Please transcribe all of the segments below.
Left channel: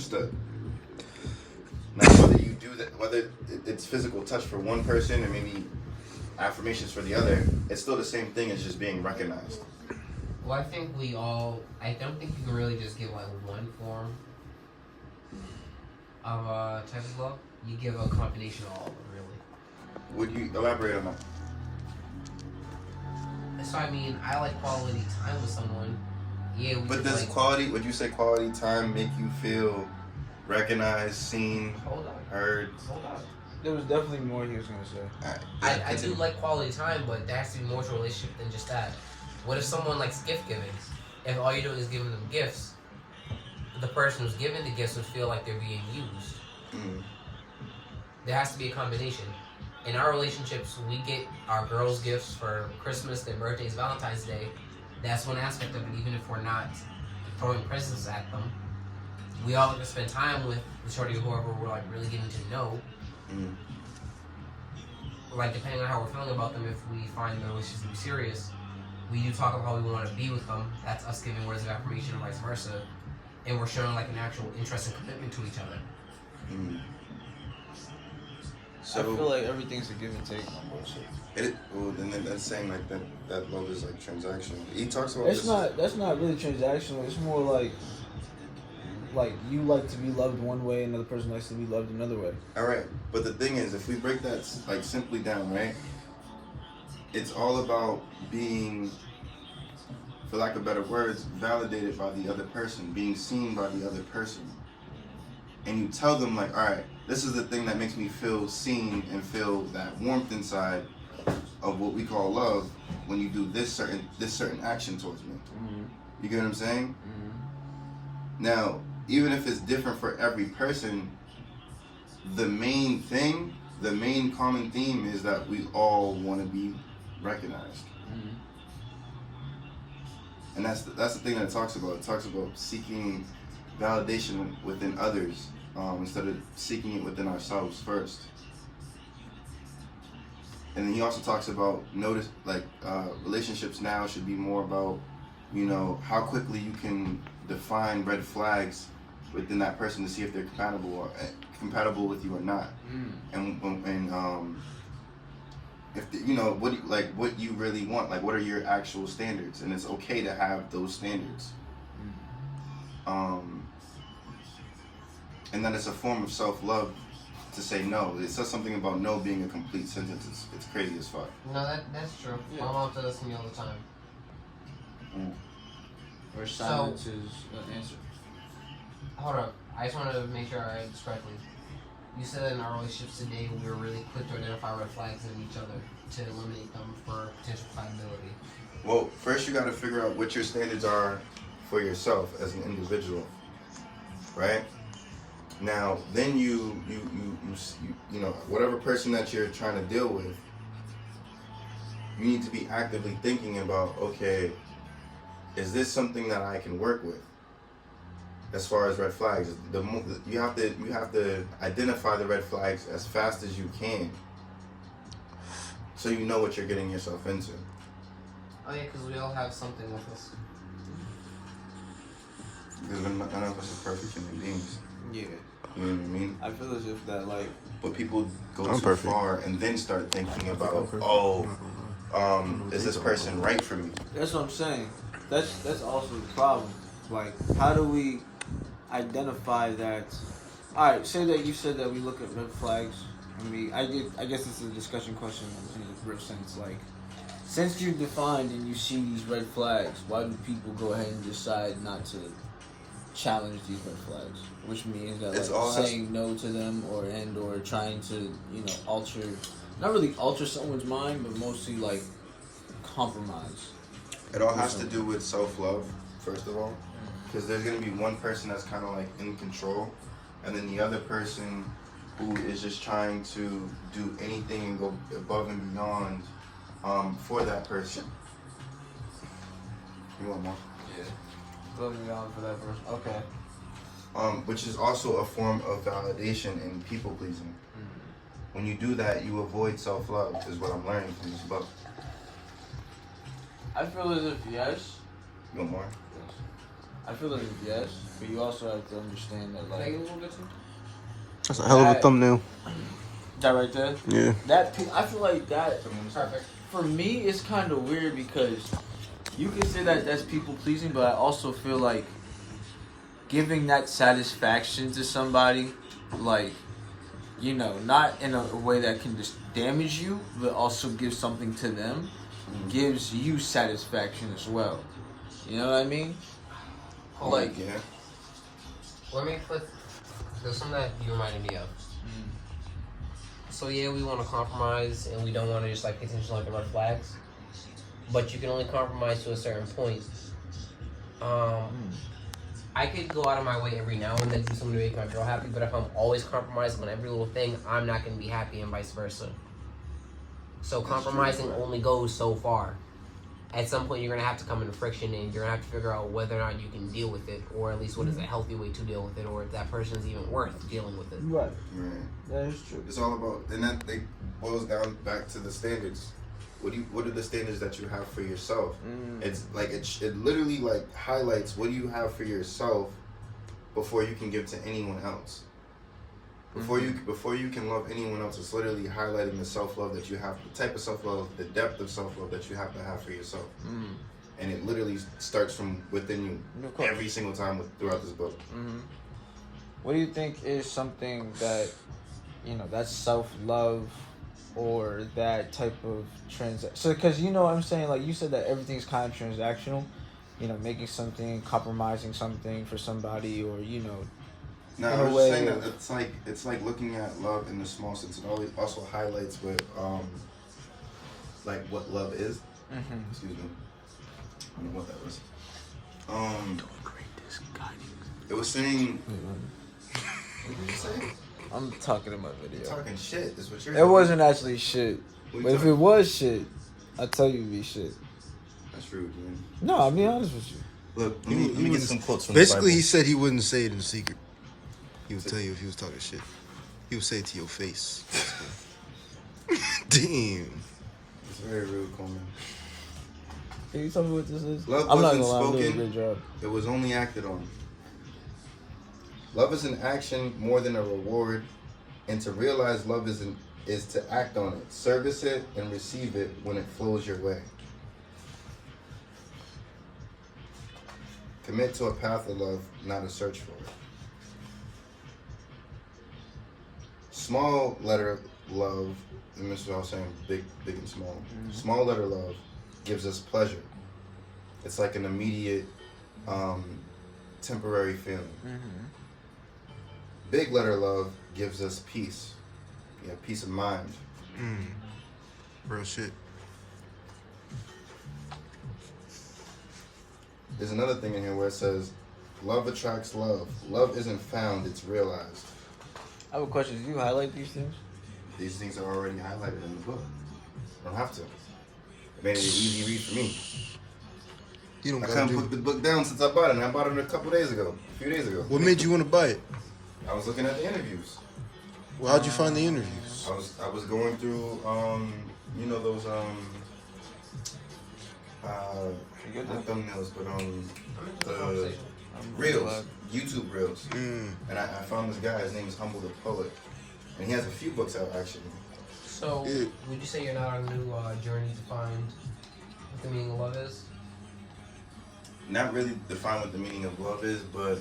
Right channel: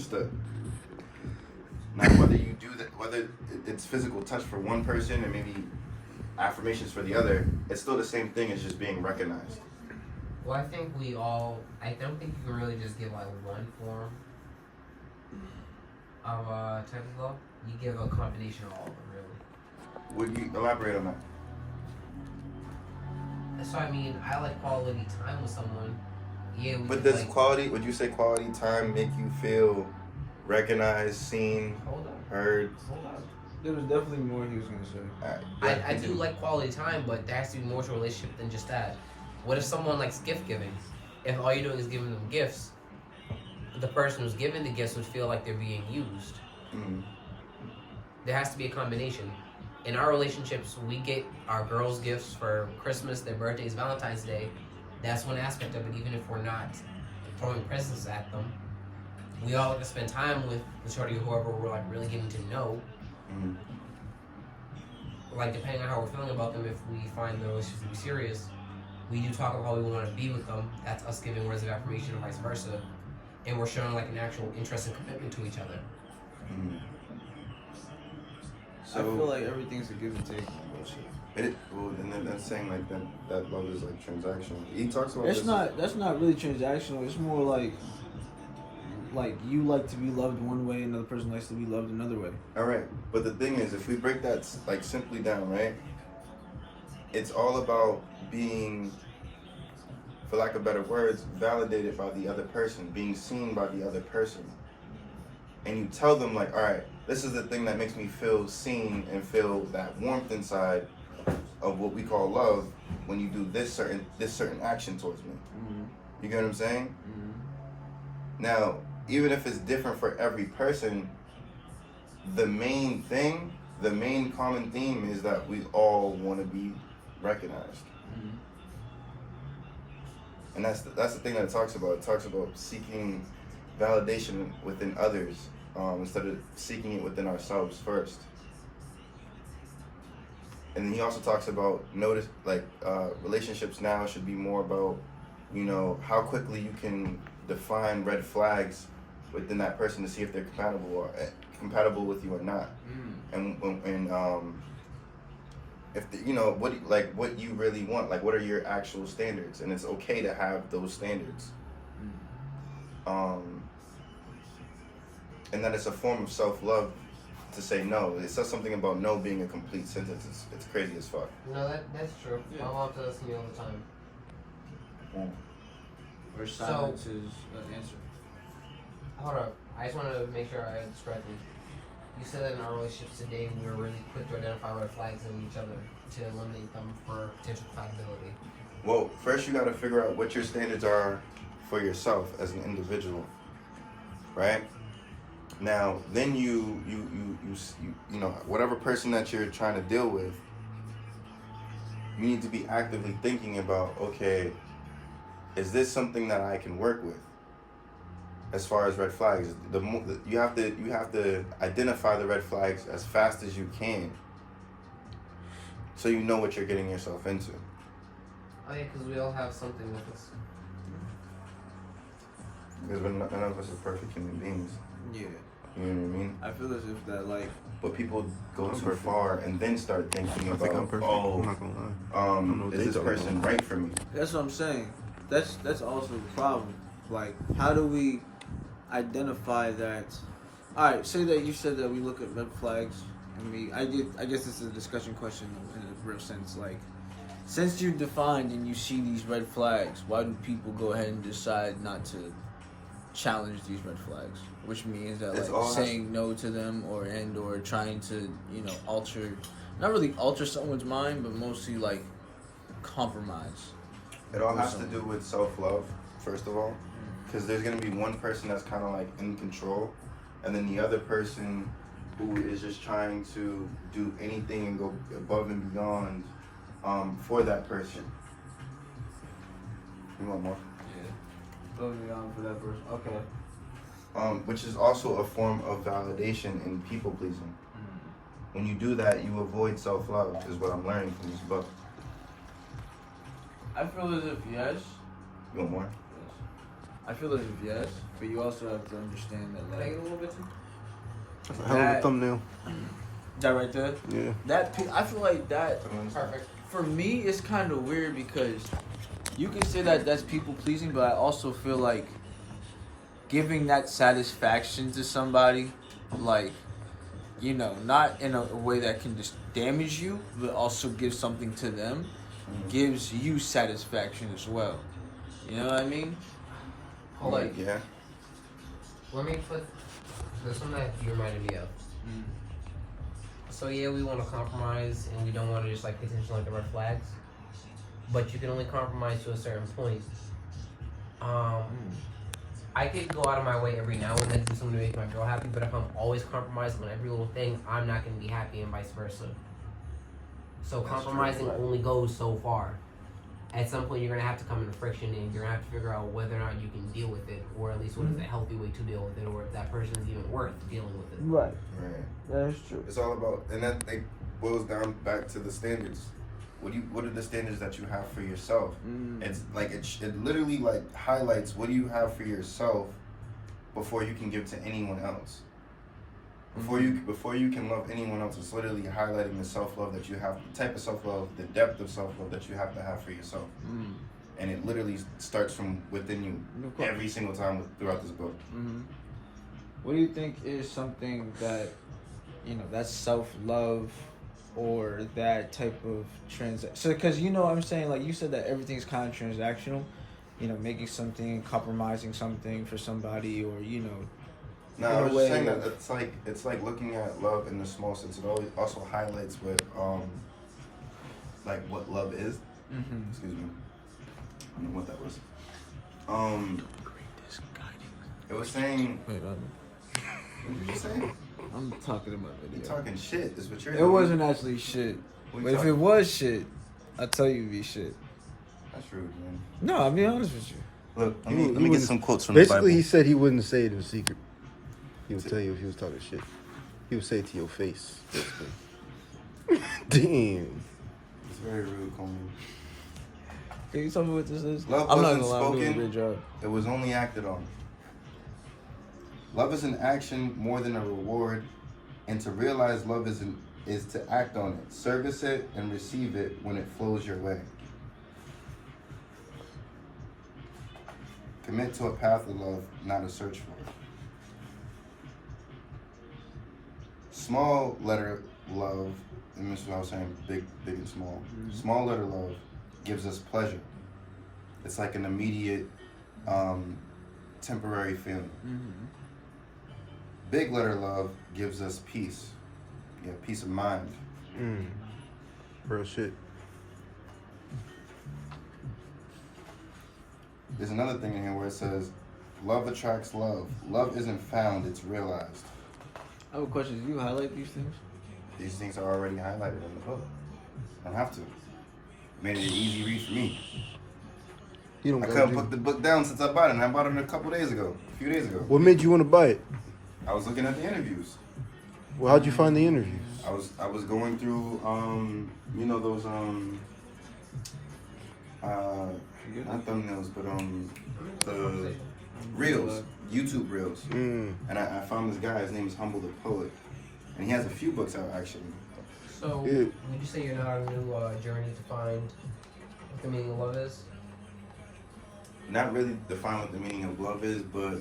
Understood. Now, whether you do that, whether it's physical touch for one person and maybe affirmations for the other, it's still the same thing as just being recognized. Well, I don't think you can really just give like one form of type of love. You give a combination of all of them, really. Would you elaborate on that? So I mean, I like quality time with someone. Yeah, we But just does like. quality, would you say quality time make you feel recognized, seen, Hold on. heard? Hold on. There was definitely more he was gonna say. I do like quality time, but there has to be more to a relationship than just that. What if someone likes gift giving? If all you're doing is giving them gifts, the person who's giving the gifts would feel like they're being used. Mm. There has to be a combination. In our relationships, we get our girls gifts for Christmas, their birthdays, Valentine's Day. That's one aspect of it, even if we're not throwing presents at them. We all like to spend time with the shorty or whoever we're like really getting to know. Mm. Like depending on how we're feeling about them, if we find the relationship to be serious, we do talk about how we want to be with them. That's us giving words of affirmation and vice versa. And we're showing like an actual interest and commitment to each other. Mm. I feel like everything's a give and take on both sides. Well, then that's saying like that love is like transactional. He talks about That's not really transactional. It's more like you like to be loved one way, another person likes to be loved another way. All right, but the thing is, if we break that like simply down, right? It's all about being, for lack of better words, validated by the other person, being seen by the other person. And you tell them like, all right, this is the thing that makes me feel seen and feel that warmth inside of what we call love when you do this certain action towards me. Mm-hmm. You get what I'm saying? Mm-hmm. Now, even if it's different for every person, the main common theme is that we all want to be recognized. Mm-hmm. And that's the thing that it talks about. It talks about seeking validation within others instead of seeking it within ourselves first. And then he also talks about relationships now should be more about, how quickly you can define red flags within that person to see if they're compatible with you or not. And if what you really want, like what are your actual standards, and it's okay to have those standards. And that it's a form of self-love to say no. It says something about no being a complete sentence. It's crazy as fuck. No, that's true. Yeah. My mom says that to me all the time. Or silence is an answer. Hold up. I just wanted to make sure I read this correctly. You said that in our relationships today, we were really quick to identify red flags in each other to eliminate them for potential compatibility. Well, first you got to figure out what your standards are for yourself as an individual, right? Now, then you whatever person that you're trying to deal with, you need to be actively thinking about, okay, is this something that I can work with? As far as red flags, you have to identify the red flags as fast as you can, so you know what you're getting yourself into. Oh yeah, because we all have something with us. Because none of us is perfect human beings. Yeah. You know what I mean? I feel as if that But people go too far and then start thinking about, is this person right for me? That's what I'm saying. That's also the problem. Like, how do we identify that? All right, say that you said that we look at red flags. I guess this is a discussion question in a real sense. Like, since you've defined and you see these red flags, why do people go ahead and decide not to challenge these red flags? Which means that saying no to them or trying to not really alter someone's mind, but mostly like compromise. It all has to do with self-love, first of all, because there's going to be one person that's kind of like in control, and then the other person who is just trying to do anything and go above and beyond for that person. You want more? Yeah. Above and beyond for that person. Okay. Which is also a form of validation and people pleasing. When you do that, you avoid self-love, is what I'm learning from this book. I feel as if yes. You want more? Yes. I feel like it's yes, but you also have to understand that, Take like, it a little bit too. That's a hell of a That- thumbnail. that right there. Yeah. I feel like that Perfect. for me it's kind of weird because you could say that that's people pleasing, but I also feel like giving that satisfaction to somebody, like, you know, not in a way that can just damage you, but also give something to them, gives you satisfaction as well. You know what I mean? Like, yeah. Let me flip. There's something that you reminded me of. So yeah, we want to compromise, and we don't want to just like continue like the red flags. But you can only compromise to a certain point. I could go out of my way every now and then do something to make my girl happy, but if I'm always compromising on every little thing, I'm not going to be happy, and vice versa. So That's compromising true. only goes so far. At some point, you're going to have to come into friction, and you're going to have to figure out whether or not you can deal with it, or at least what is a healthy way to deal with it, or if that person is even worth dealing with it. right. Right. That is true. It's all about, and that like boils down back to the standards. What are the standards that you have for yourself? It's like it literally like highlights what do you have for yourself before you can give to anyone else. Before you can love anyone else, it's literally highlighting the self-love that you have, the type of self-love, the depth of self-love that you have to have for yourself. And it literally starts from within you every single time throughout this book. What do you think is something that, you know, that's self-love or that type of so because, you know what I'm saying, like you said that everything's kind of transactional, you know, making something, compromising something for somebody, or, you know, No, in I a was way just saying of- that it's like looking at love in the small sense. It always also highlights what like what love is. Excuse me. I don't know what that was. It was saying. Wait, What did you just say? I'm talking about You're video. talking shit. Is what you're It doing. wasn't actually shit. What you But if talking- it was shit, I'll tell you it'd be shit. That's rude, man. No, I'll be honest with you. Look, He let me get wouldn't- some quotes from Basically, the he Bible. said he wouldn't say it in secret. He would tell you if he was talking shit. He would say it to your face. Basically. Damn. It's very rude, Coleman. Can you tell me what this is? Love I'm not wasn't gonna lie, I'm doing a spoken. great job. It was only acted on. Love is an action more than a reward, and to realize love is to act on it, service it, and receive it when it flows your way. Commit to a path of love, not a search for it. Small letter love, and this is what I was saying, big and small. Small letter love gives us pleasure. It's like an immediate, temporary feeling. Big letter love gives us peace. Yeah, peace of mind. Real shit. There's another thing in here where it says, love attracts love. Love isn't found, it's realized. I have a question. Do you highlight these things? These things are already highlighted in the book. I don't have to. Made it an easy read for me. You don't I gotta couldn't do. put the book down since I bought it, and I bought it a few days ago. What made you want to buy it? I was looking at the interviews. Well, how'd you find the interviews? I was going through you know those not thumbnails, but the reels, YouTube reels. And I found this guy, his name is Humble the Poet. And he has a few books out actually. So, would you say you're not on a new journey to find what the meaning of love is? Not really define what the meaning of love is, but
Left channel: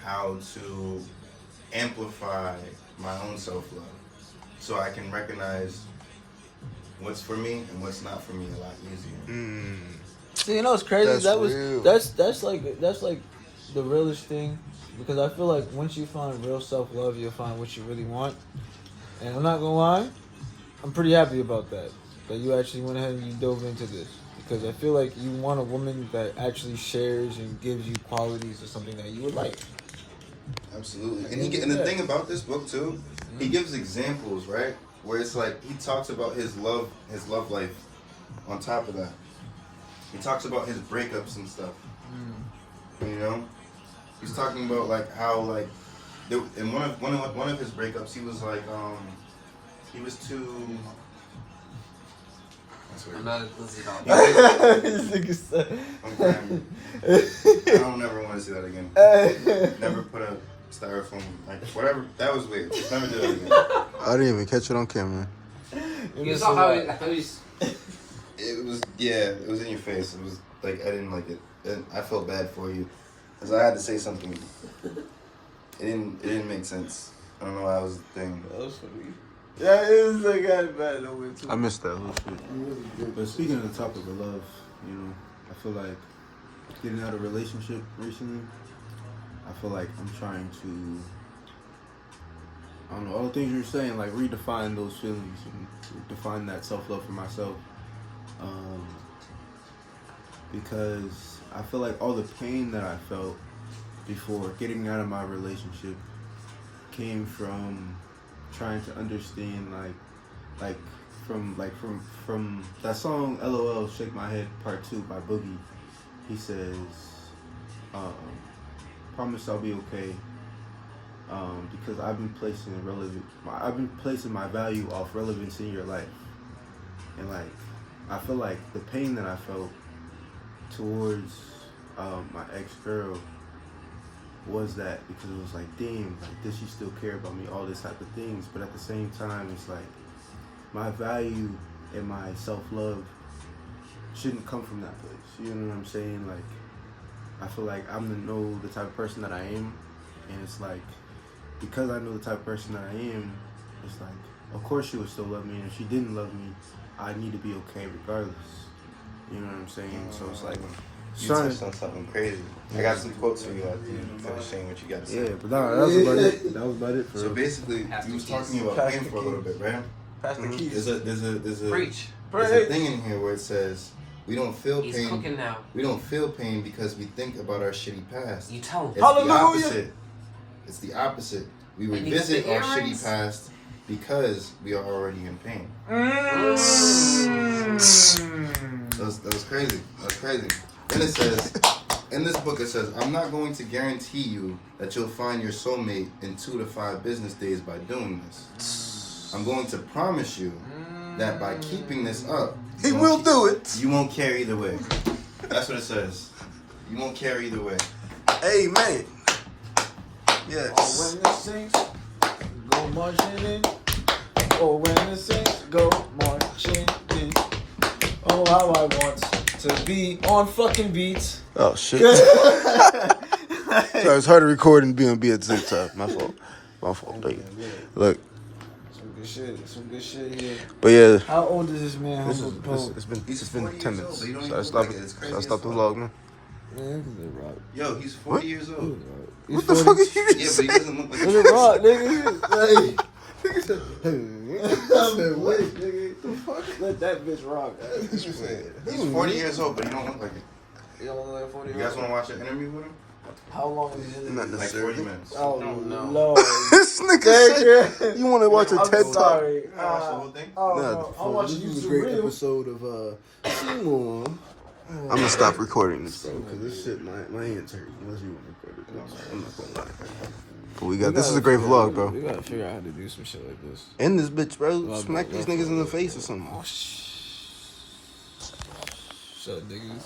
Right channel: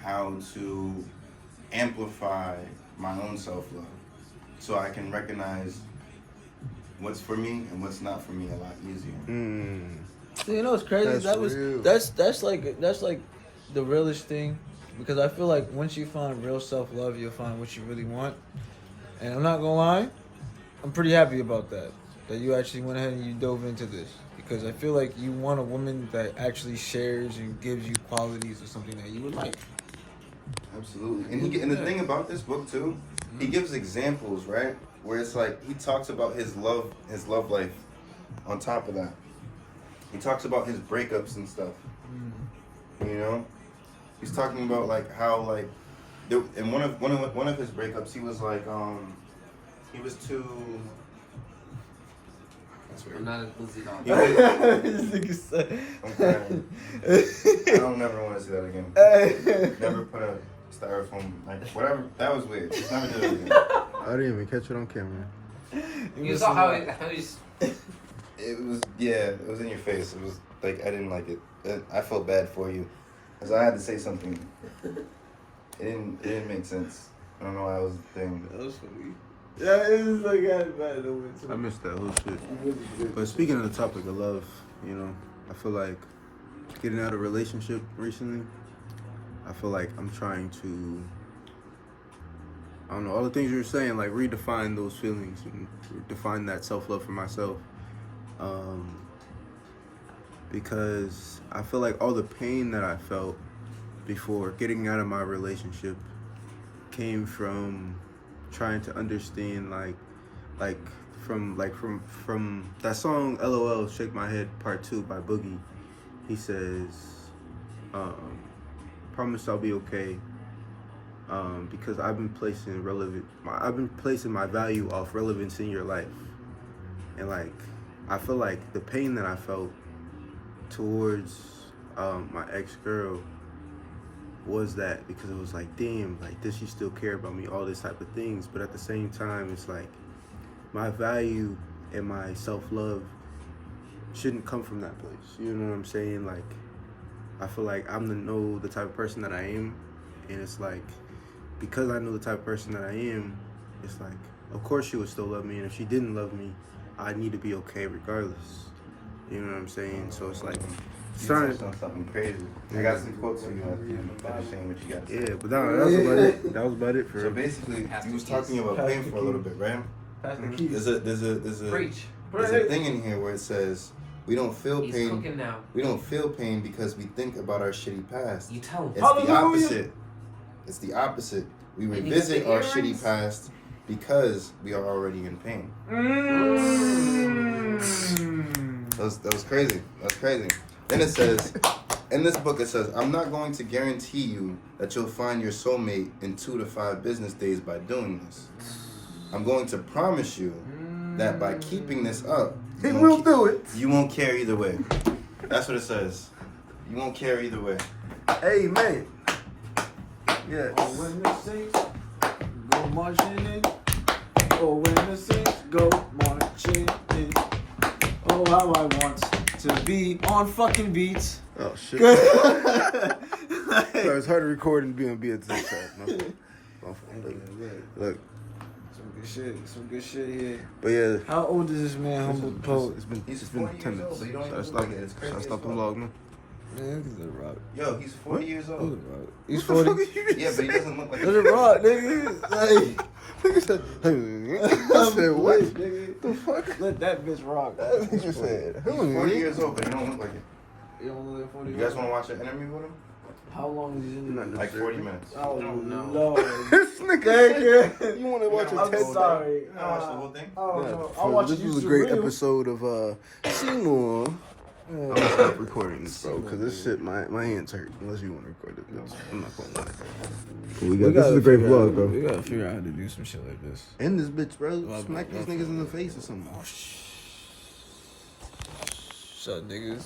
how to amplify my own self-love. So I can recognize what's for me and what's not for me a lot easier. See, you know what's crazy? That's That was real. that's like the realest thing, because I feel like once you find real self-love, you'll find what you really want. And I'm not gonna lie, I'm pretty happy about that you actually went ahead and you dove into this, because I feel like you want a woman that actually shares and gives you qualities of something that you would like. Absolutely. And the thing about this book too, he gives examples, right? Where it's like he talks about his love life on top of that. He talks about his breakups and stuff. You know? He's talking about like how like in one of his breakups he was like he was too That's weird. Another pussy dog. This nigga said. I don't ever want to see that again. Never put a styrofoam, like, whatever. That was weird. Just never do that again. I didn't even catch it on camera. You saw how he's. It was, it was in your face. It was like, I didn't like it. And I felt bad for you. Because I had to say something. It didn't make sense. I don't know why I was the thing. That was funny. Yeah, it was like I bad no way too. I missed that whole shit. But speaking of the topic of love, you know, I feel like getting out of a relationship recently, I feel like I'm trying to, I don't know, all the things you were saying, like redefine those feelings and define that self-love for myself. Because I feel like all the pain that I felt before getting out of my relationship came from trying to understand from that song LOL Shake My Head Part 2 by Boogie. He says, promise I'll be okay, because I've been placing my value off relevance in your life. And like I feel like the pain that I felt towards my ex-girl was that because it was like, damn, like, does she still care about me, all this type of things. But at the same time, it's like my value and my self-love shouldn't come from that place, you know what I'm saying? Like, I feel like I'm to know the type of person that I am, and it's like, because I know the type of person that I am, it's like, of course she would still love me, and if she didn't love me, I need to be okay regardless, you know what I'm saying? So it's like, You touched on something crazy. I got some quotes from you at the end of saying what you got to say. yeah, but that was about it. That was about it for So basically, you was talking about pain for a little bit, right? There's a Preach. there's a thing in here where it says we don't feel He's pain. cooking now. We don't feel pain because we think about our shitty past. You tell him. It's the opposite. It's the opposite. We Maybe revisit the our earrings? shitty past because we are already in pain. That was crazy. That's crazy. Then it says, in this book it says, I'm not going to guarantee you that you'll find your soulmate in 2 to 5 business days by doing this. I'm going to promise you that by keeping this up, He will do it. you won't care either way. That's what it says. You won't care either way. Amen. Yes. when the Saints go marching in. Oh, when the Saints go marching in. Oh, how I want to be on fucking beats. Oh shit. So it's hard to record and be on TikTok. My fault. Look, Some good shit here. but yeah. How old is this man? Humble poet. It's been 10 years minutes. old, but you don't So even I look stopped. like it. It's crazy So I as stopped the fuck. vlog now. Man, look at the rock. Yo, he's 40 years Look old. at the rock. He's What the 40. fuck are you Yeah, but he doesn't look like Look at the rock, nigga. Like, Nigga said, I said, what? The fuck? Let that bitch rock. Nigga said, He's 40 years old, but he don't look like it. You don't look like 40 You guys want to watch an interview with him? How long is it? Not Like 40 minutes. Oh, no. no. This nigga said, you want to watch a I'm TED Talk? sorry. You want to watch the whole thing? Oh, No, I'll watch this was a YouTube great Reels. episode of Seymour. I'm gonna stop recording this, bro, because this shit, my hands hurt. Unless you want to record it, bitch. I'm not gonna lie. But this is a great vlog, bro. We gotta figure out how to do some shit like this. End this bitch, bro. Well, Smack these niggas in the face or something. Shut niggas.